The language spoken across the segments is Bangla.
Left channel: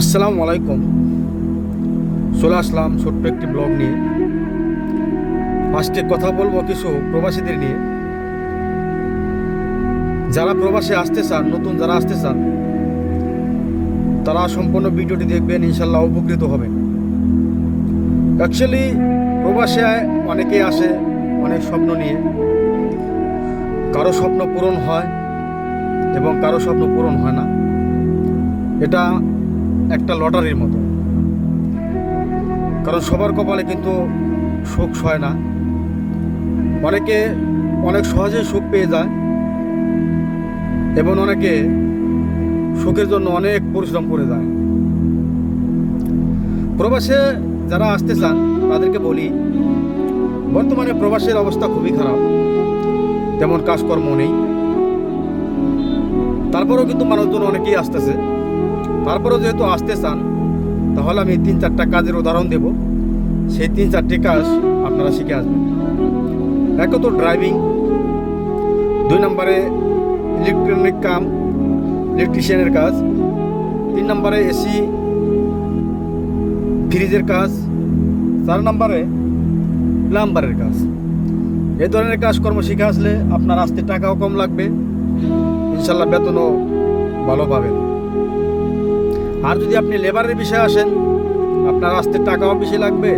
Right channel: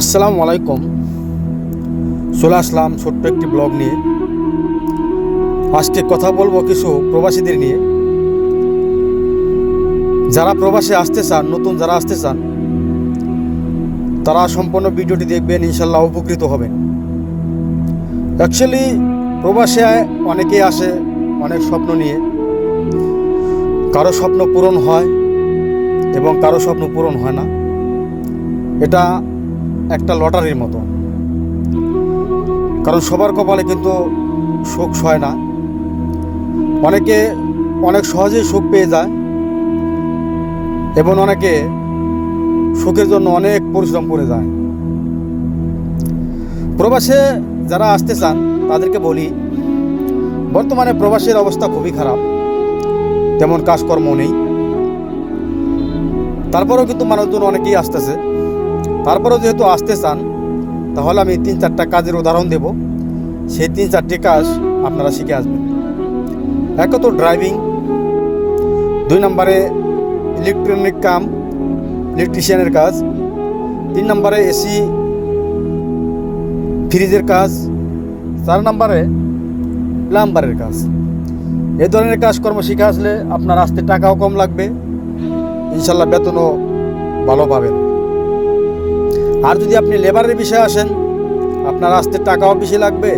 আসসালামু আলাইকুম। চলে আসলাম ছোট্ট একটি ব্লগ নিয়ে। আজকে কথা বলব কিছু প্রবাসীদের নিয়ে। যারা প্রবাসে আসতে চান, নতুন যারা আসতে চান, তারা সম্পূর্ণ ভিডিওটি দেখবেন, ইনশাল্লাহ উপকৃত হবেন। অ্যাকচুয়ালি প্রবাসে অনেকেই আসে, অনেক স্বপ্ন নিয়ে। কারও স্বপ্ন পূরণ হয় এবং কারও স্বপ্ন পূরণ হয় না। এটা একটা লটারির মতো। কারণ সবার কপালে কিন্তু সুখ হয় না। অনেকে অনেক সহজেই সুখ পেয়ে যায় এবং অনেকে সুখের জন্য অনেক পরিশ্রম করে যায়। প্রবাসে যারা আসতে চান, তাদেরকে বলি, বর্তমানে প্রবাসের অবস্থা খুবই খারাপ। তেমন কাজকর্ম নেই। তারপরেও কিন্তু মানুষজন অনেকেই আসতেছে। তারপরেও যেহেতু আসতে চান, তাহলে আমি তিন চারটা কাজের উদাহরণ দেব। সেই তিন চারটি কাজ আপনারা শিখে আসবেন। এক তো ড্রাইভিং দুই নম্বরে ইলেকট্রনিক কাম ইলেকট্রিশিয়ানের কাজ, তিন নম্বরে এসি, ফ্রিজের কাজ, চার নম্বরে প্লাম্বারের কাজ। এ ধরনের কাজকর্ম শিখে আসলে আপনার আসতে টাকাও কম লাগবে, ইনশাল্লাহ বেতনও ভালো পাবেন। আর যদি আপনি লেবারের বিষয়ে আসেন, আপনার আসতে টাকাও বেশি লাগবে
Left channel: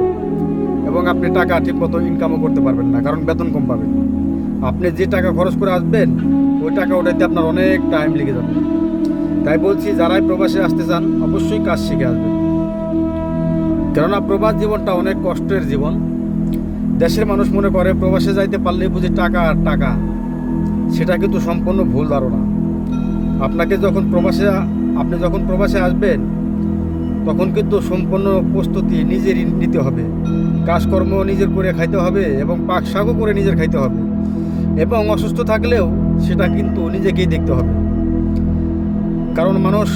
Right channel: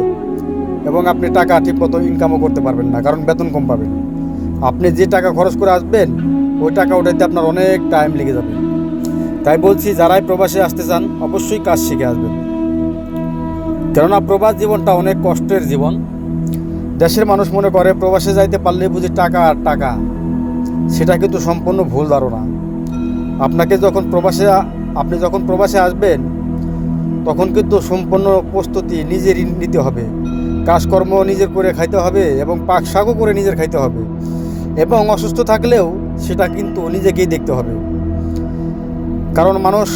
এবং আপনি টাকা ঠিকমতো ইনকামও করতে পারবেন না, কারণ বেতন কম পাবেন। আপনি যে টাকা খরচ করে আসবেন, ওই টাকা ওটাইতে আপনার অনেক টাইম লেগে যাবে। তাই বলছি, যারাই প্রবাসে আসতে চান, অবশ্যই কাজ শিখে আসবেন। কেননা প্রবাস জীবনটা অনেক কষ্টের জীবন। দেশের মানুষ মনে করে, প্রবাসে যাইতে পারলে বুঝি টাকা আর টাকা। সেটা কিন্তু সম্পূর্ণ ভুল ধারণা। আপনাকে যখন প্রবাসে আপনি যখন প্রবাসে আসবেন, তখন কিন্তু সম্পূর্ণ প্রস্তুতি নিজেরই নিতে হবে। কাজকর্ম নিজের করে খাইতে হবে এবং পাক শাকও করে নিজের খাইতে হবে। এবং অসুস্থ থাকলেও সেটা কিন্তু নিজেকেই দেখতে হবে। কারণ মানুষ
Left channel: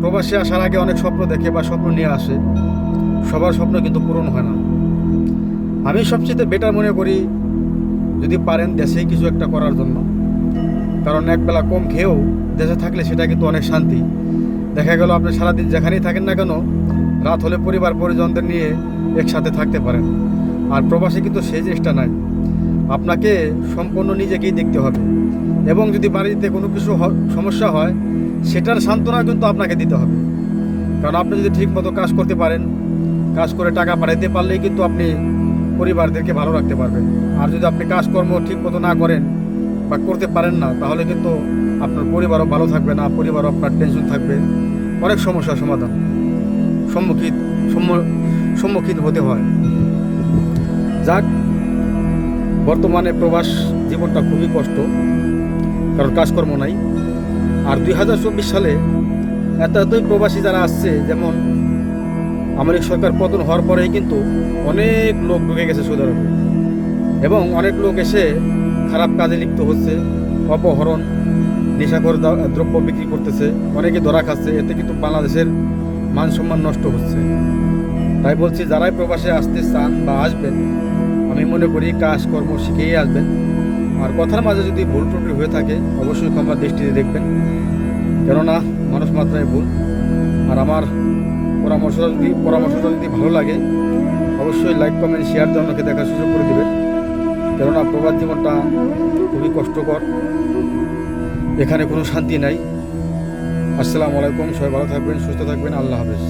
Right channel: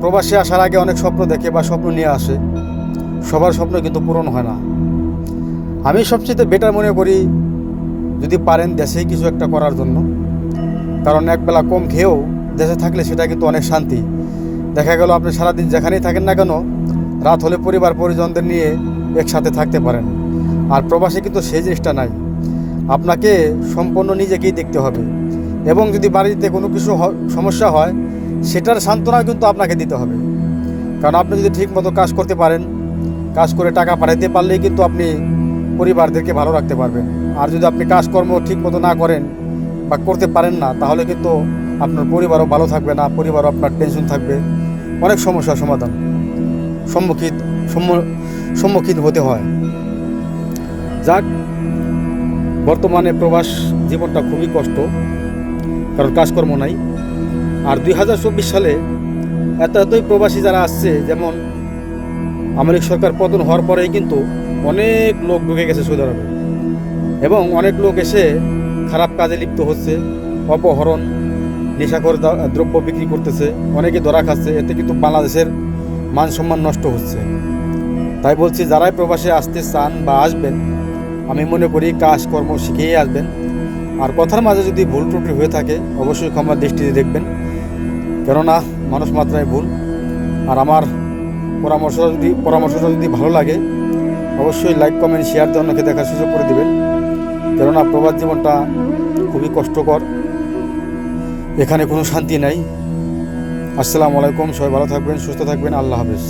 প্রবাসে আসার আগে অনেক স্বপ্ন দেখে বা স্বপ্ন নিয়ে আসে। সবার স্বপ্ন কিন্তু পূরণ হয় না। আমি সবচেয়ে বেটার মনে করি, যদি পারেন দেশেই কিছু একটা করার জন্য। কারণ একবেলা কম খেয়েও দেশে থাকলে সেটা কিন্তু অনেক শান্তি। দেখা গেল আপনি সারাদিন যেখানেই থাকেন না কেন, রাত হলে পরিবার পরিজনদের নিয়ে একসাথে থাকতে পারেন। আর প্রবাসে কিন্তু সেই জিনিসটা নাই। আপনাকে সম্পূর্ণ নিজেকেই দেখতে হবে। এবং যদি বাড়িতে কোনো কিছু সমস্যা হয়, সেটার সান্ত্বনা কিন্তু আপনাকে দিতে হবে। কারণ আপনি যদি ঠিকমতো কাজ করতে পারেন, কাজ করে টাকা পাঠাইতে পারলেই কিন্তু আপনি পরিবারদেরকে ভালো রাখতে পারবেন। আর যদি আপনি কাজকর্ম ঠিকমতো না করেন বা করতে পারেন না, তাহলে কিন্তু আপনার পরিবারও ভালো থাকবে না, পরিবারও আপনার টেনশন থাকবে। অনেক সমস্যার সমাধান। সম্মুখীন, সম্মু- সম্মুখীন হতে হয়। যাক, বর্তমানে প্রবাস জীবনটা খুবই কষ্ট, কারণ কাজকর্ম নাই। আর দুই হাজার চব্বিশ সালে এত এতই প্রবাসী যারা আসছে, যেমন আমেরিক সরকার পতন হওয়ার পরেই কিন্তু অনেক লোক ঢুকে গেছে সৌদি আরবে। এবং অনেক লোক এসে খারাপ কাজে লিপ্ত হচ্ছে, অপহরণ নেশাখোর দা- দ্রব্য বিক্রি করতেছে, অনেকে ধরা খাচ্ছে, এতে কিন্তু বাংলাদেশের মান সম্মান নষ্ট হচ্ছে। তাই বলছি, যারাই প্রবাসে আসতে চান বা আসবেন, আমি মনে করি কাজকর্ম শিখেই আসবেন। আর কথার মাঝে যদি ভুল ত্রুটি হয়ে থাকে, অবশ্যই ক্ষমা দৃষ্টিতে দেখবেন। কেননা, মানুষ মাত্রায় ভুল। আর আমার পরামর্শ যদি, পরামর্শটা যদি ভালো লাগে, অবশ্যই লাইক, কমেন্ট, শেয়ার দিয়ে জন্যকে দেখার সুযোগ করে দেবেন। কেননা, প্রবাস জীবনটা খুবই কষ্টকর। এখানে কোনো শান্তি নাই। আসসালামু আলাইকুম সবাই ভালো থাকবেন সুস্থ থাকবেন আল্লাহ হাফেজ।